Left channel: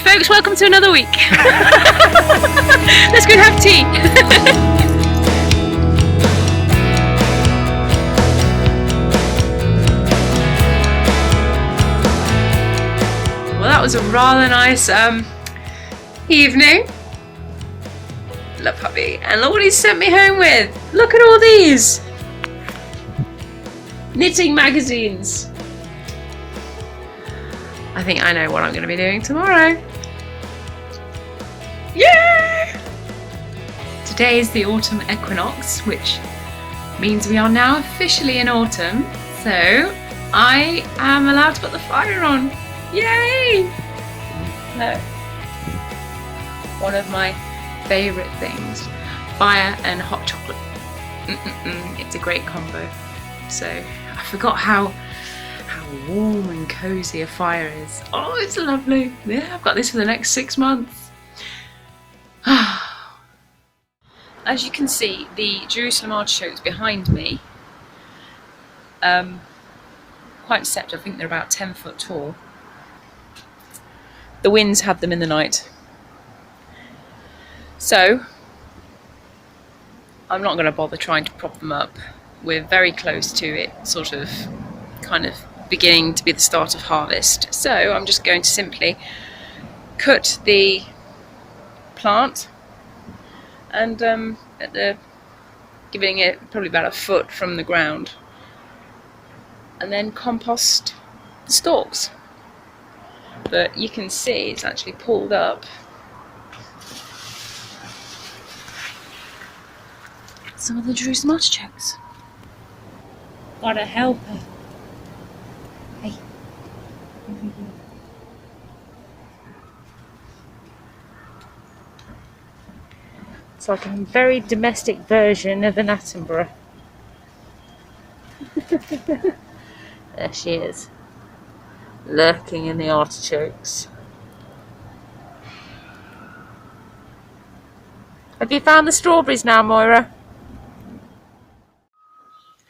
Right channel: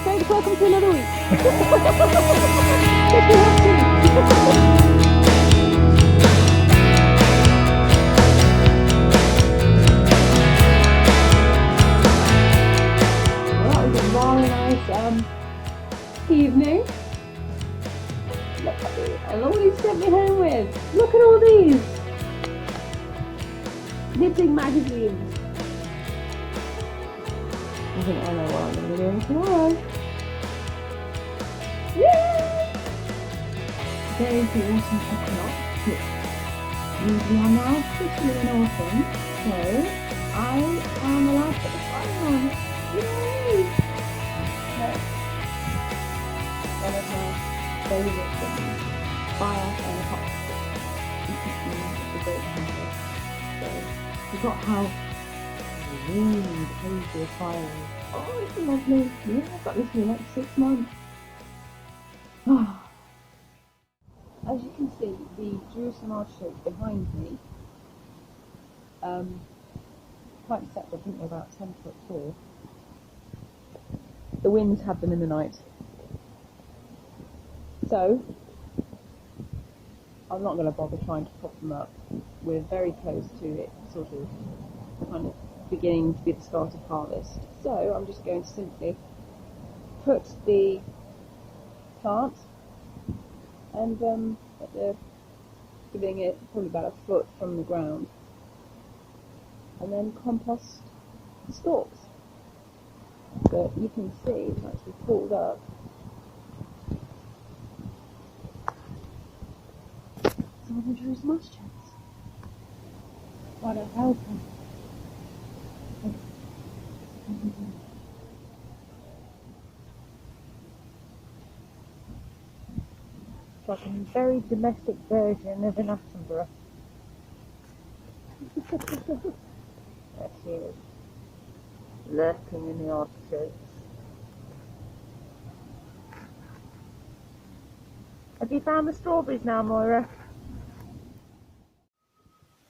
folks, welcome to another week. Let's go have tea. Well, that was a rather nice evening. Love hubby. And look what he sent me home with. Look at all these knitting magazines. I think I know what I'm going to be doing tomorrow. Yay! Today is the autumn equinox, which means we are now officially in autumn. So I am allowed to put the fire on. Yay! Look. One of my favourite things. Fire and hot chocolate. It's a great combo. So I forgot how warm and cosy a fire is. Oh, it's lovely. Yeah, I've got this for the next 6 months. As you can see, the Jerusalem Artichokes behind me, quite deceptive. I think they're about 10 foot tall. The winds had them in the night. So I'm not going to bother trying to prop them up. We're very close to it, kind of beginning to be the start of harvest. So I'm just going to simply cut the plant and giving it probably about a foot from the ground, and then compost the stalks. But you can see it's actually pulled up. Some of the Jerusalem Artichokes. What a helper. Hey. It's like a very domestic version of an Attenborough. There she is, lurking in the artichokes. Have you found the strawberries now, Moira?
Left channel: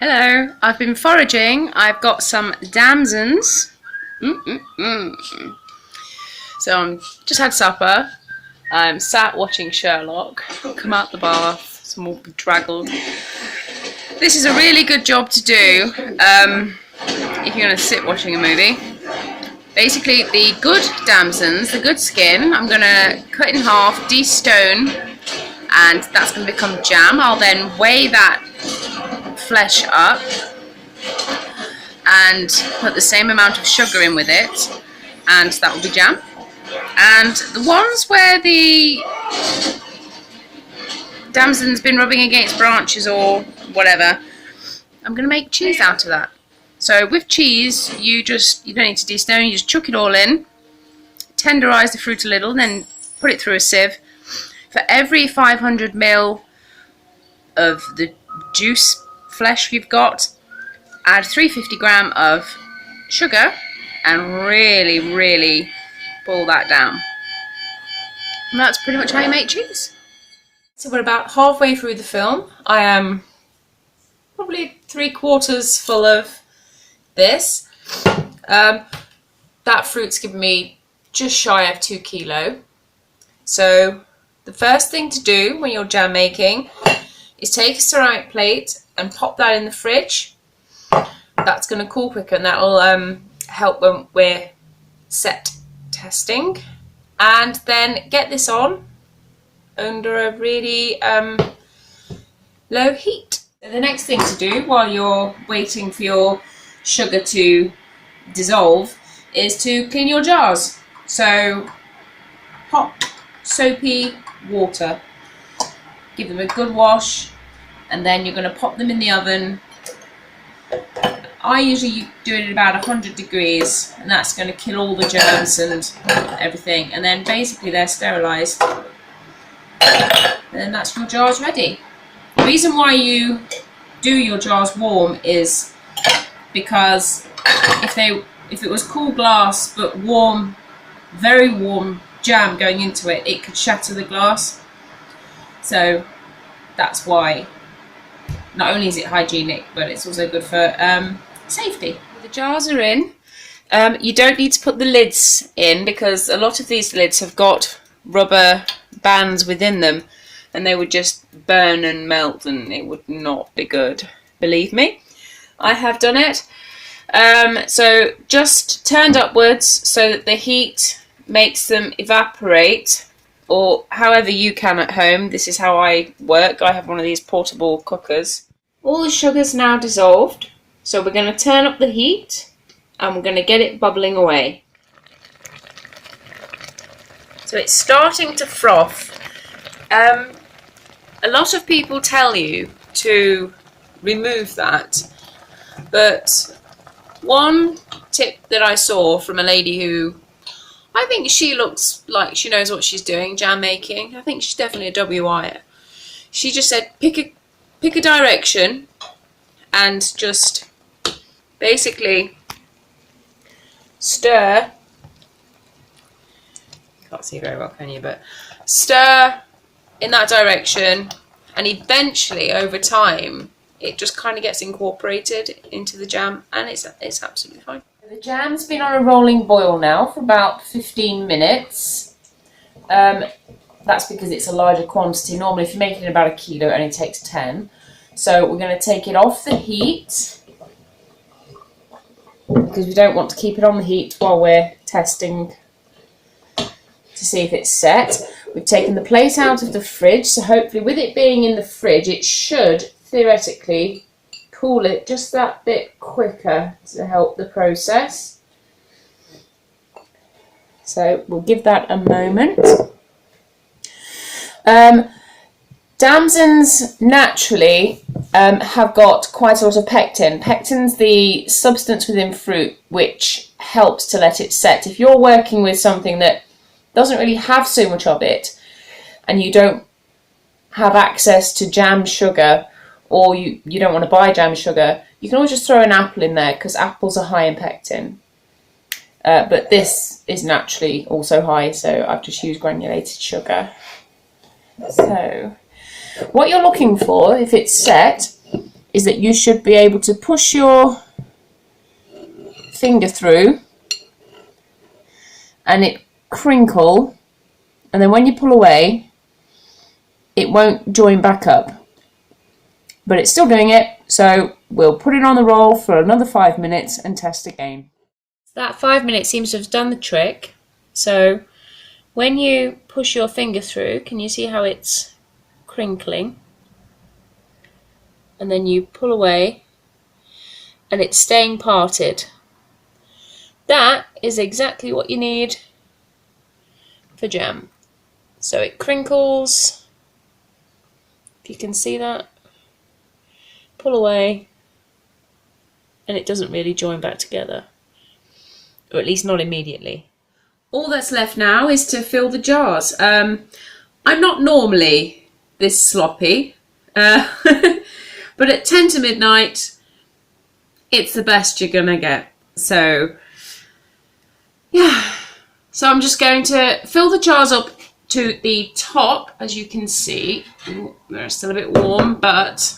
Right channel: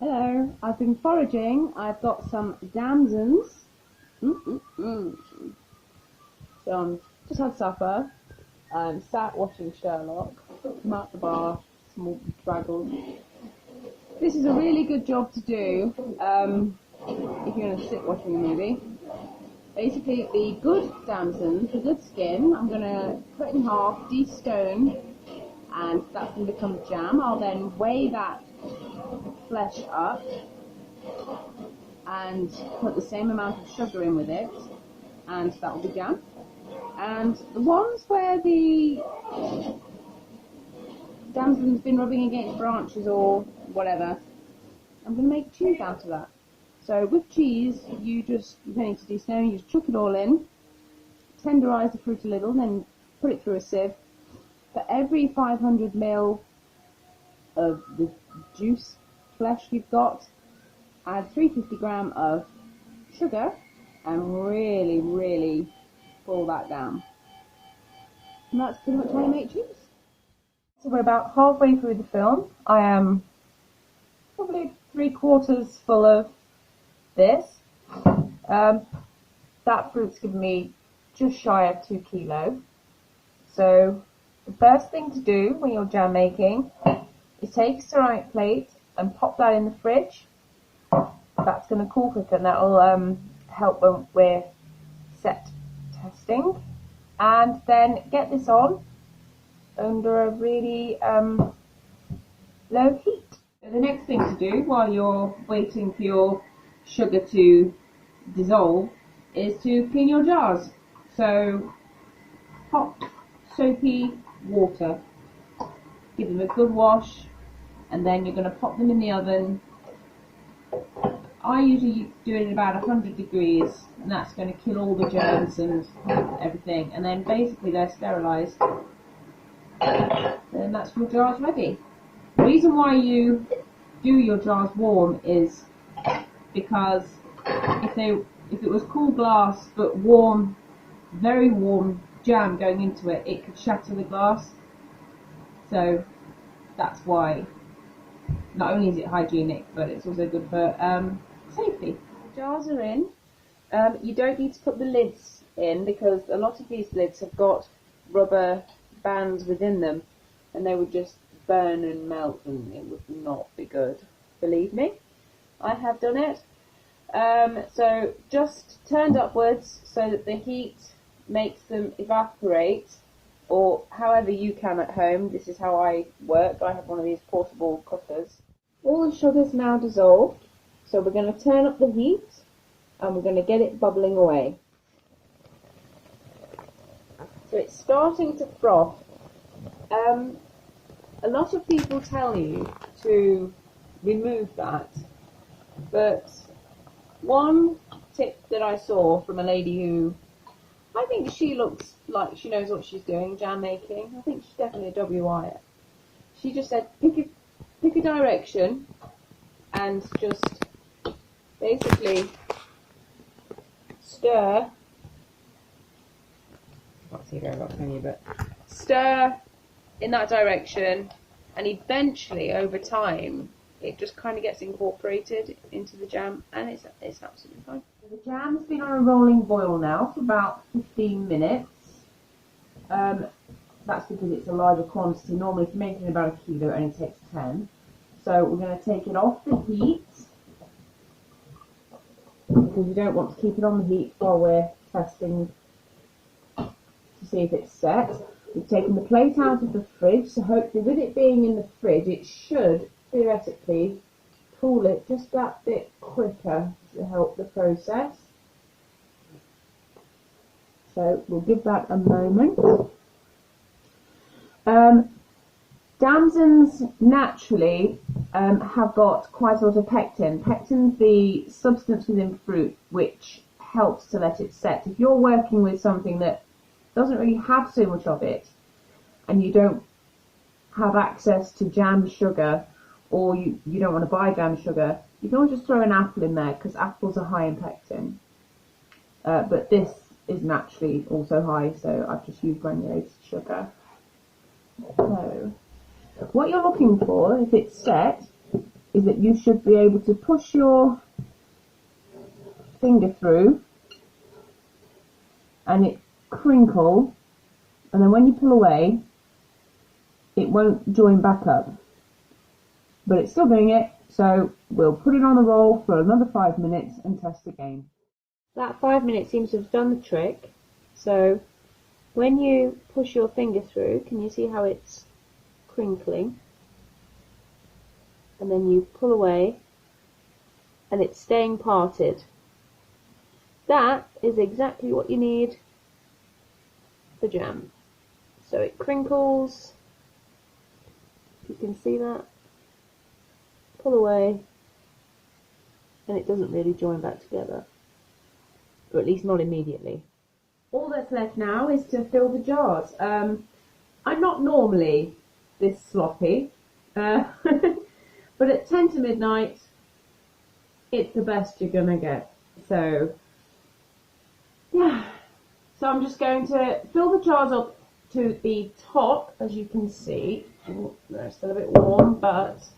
Hello, I've been foraging. I've got some damsons. So I'm just had supper. I'm sat watching Sherlock. Come out the bath, some more bedraggled. This is a really good job to do if you're going to sit watching a movie. Basically, the good damsons, the good skin, I'm going to cut in half, de-stone, and that's going to become jam. I'll then weigh that flesh up and put the same amount of sugar in with it, and that will be jam. And the ones where the damson's been rubbing against branches or whatever, I'm going to make cheese out of that. So with cheese, you don't need to de-stone, you just chuck it all in, tenderise the fruit a little, then put it through a sieve. For every 500 ml of the juice flesh you've got, add 350 gram of sugar and really boil that down. And that's pretty much how you make cheese. So we're about halfway through the film. I am probably 3/4 full of this. That fruit's given me just shy of 2 kilo. So the first thing to do when you're jam making is take a ceramic plate and pop that in the fridge. That's going to cool quicker, and that will help when we're set testing. And then get this on under a really low heat. So the next thing to do while you're waiting for your sugar to dissolve is to clean your jars. So hot soapy water, give them a good wash, and then you're going to pop them in the oven. I usually do it at about 100 degrees, and that's going to kill all the germs and everything, and then basically they're sterilised, and then that's your jars ready. The reason why you do your jars warm is because if it was cool glass but warm, very warm jam going into it, it could shatter the glass. So that's why not only is it hygienic, but it's also good for safety. The jars are in. You don't need to put the lids in because a lot of these lids have got rubber bands within them and they would just burn and melt and it would not be good. Believe me, I have done it. So just turned upwards so that the heat makes them evaporate, or however you can at home. This is how I work. I have one of these portable cookers. All the sugar's now dissolved, so we're going to turn up the heat and we're going to get it bubbling away. So it's starting to froth. A lot of people tell you to remove that, but one tip that I saw from a lady who, I think she looks like she knows what she's doing, jam making. I think she's definitely a WI'er. She just said pick a direction and just basically stir. Can't see very well, can you? But stir in that direction, and eventually over time it just kind of gets incorporated into the jam, and it's absolutely fine. The jam's been on a rolling boil now for about 15 minutes. That's because it's a larger quantity. Normally if you're making about 1 kilo, it only takes 10. So we're going to take it off the heat because we don't want to keep it on the heat while we're testing to see if it's set. We've taken the plate out of the fridge, so hopefully with it being in the fridge it should theoretically cool it just that bit quicker to help the process. So we'll give that a moment. Damsons naturally have got quite a lot of pectin. Pectin's the substance within fruit which helps to let it set. If you're working with something that doesn't really have so much of it and you don't have access to jam sugar, or you don't want to buy jam sugar, you can always just throw an apple in there because apples are high in pectin. But this is naturally also high, so I've just used granulated sugar. So what you're looking for, if it's set, is that you should be able to push your finger through and it crinkle, and then when you pull away it won't join back up. But it's still doing it, so we'll put it on the roll for another 5 minutes and test again. That 5 minutes seems to have done the trick. So when you push your finger through, can you see how it's crinkling? And then you pull away and it's staying parted. That is exactly what you need for jam. So it crinkles, if you can see that. Pull away and it doesn't really join back together, or at least not immediately. All that's left now is to fill the jars. I'm not normally this sloppy, but at 10 to midnight it's the best you're gonna get. So yeah, so I'm just going to fill the jars up to the top. As you can see, they're still a bit warm, but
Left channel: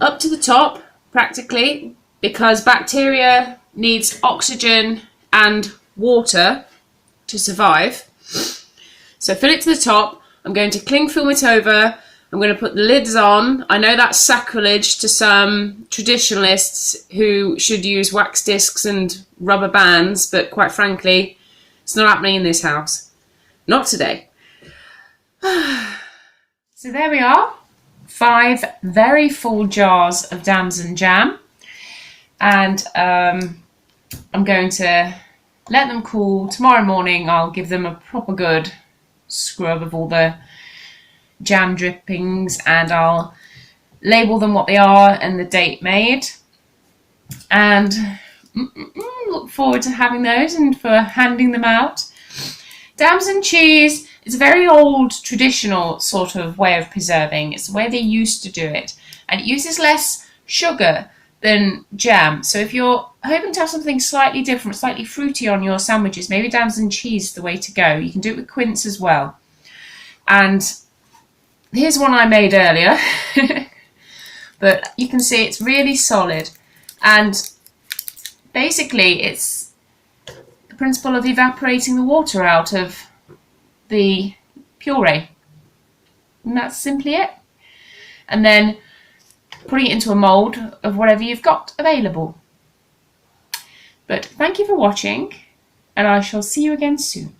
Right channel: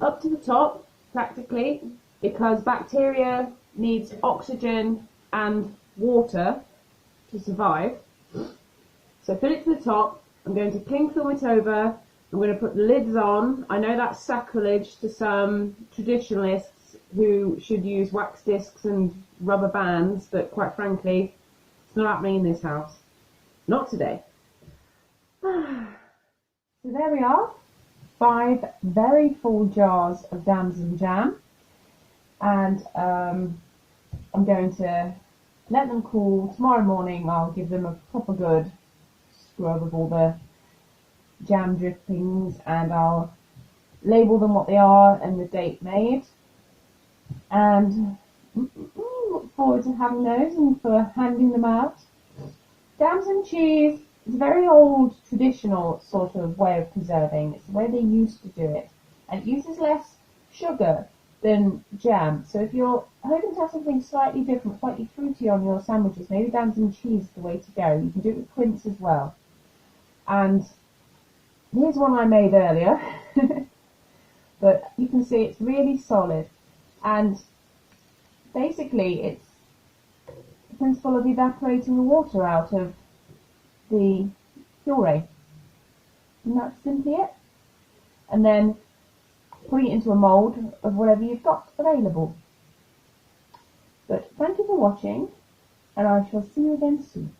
up to the top practically, because bacteria needs oxygen and water to survive. So fill it to the top. I'm going to cling film it over. I'm going to put the lids on. I know that's sacrilege to some traditionalists who should use wax discs and rubber bands, but quite frankly, it's not happening in this house. Not today. So there we are. 5 very full jars of Damson jam, and I'm going to let them cool. Tomorrow morning I'll give them a proper good scrub of all the jam drippings, and I'll label them what they are and the date made, and look forward to having those and for handing them out. Damson cheese is a very old traditional sort of way of preserving. It's the way they used to do it, and it uses less sugar than jam. So if you're hoping to have something slightly different, slightly fruity on your sandwiches, maybe Damson cheese is the way to go. You can do it with quince as well. And here's one I made earlier, but you can see it's really solid. And basically it's the principle of evaporating the water out of the puree. And that's simply it. And then putting it into a mould of whatever you've got available. But thank you for watching, and I shall see you again soon.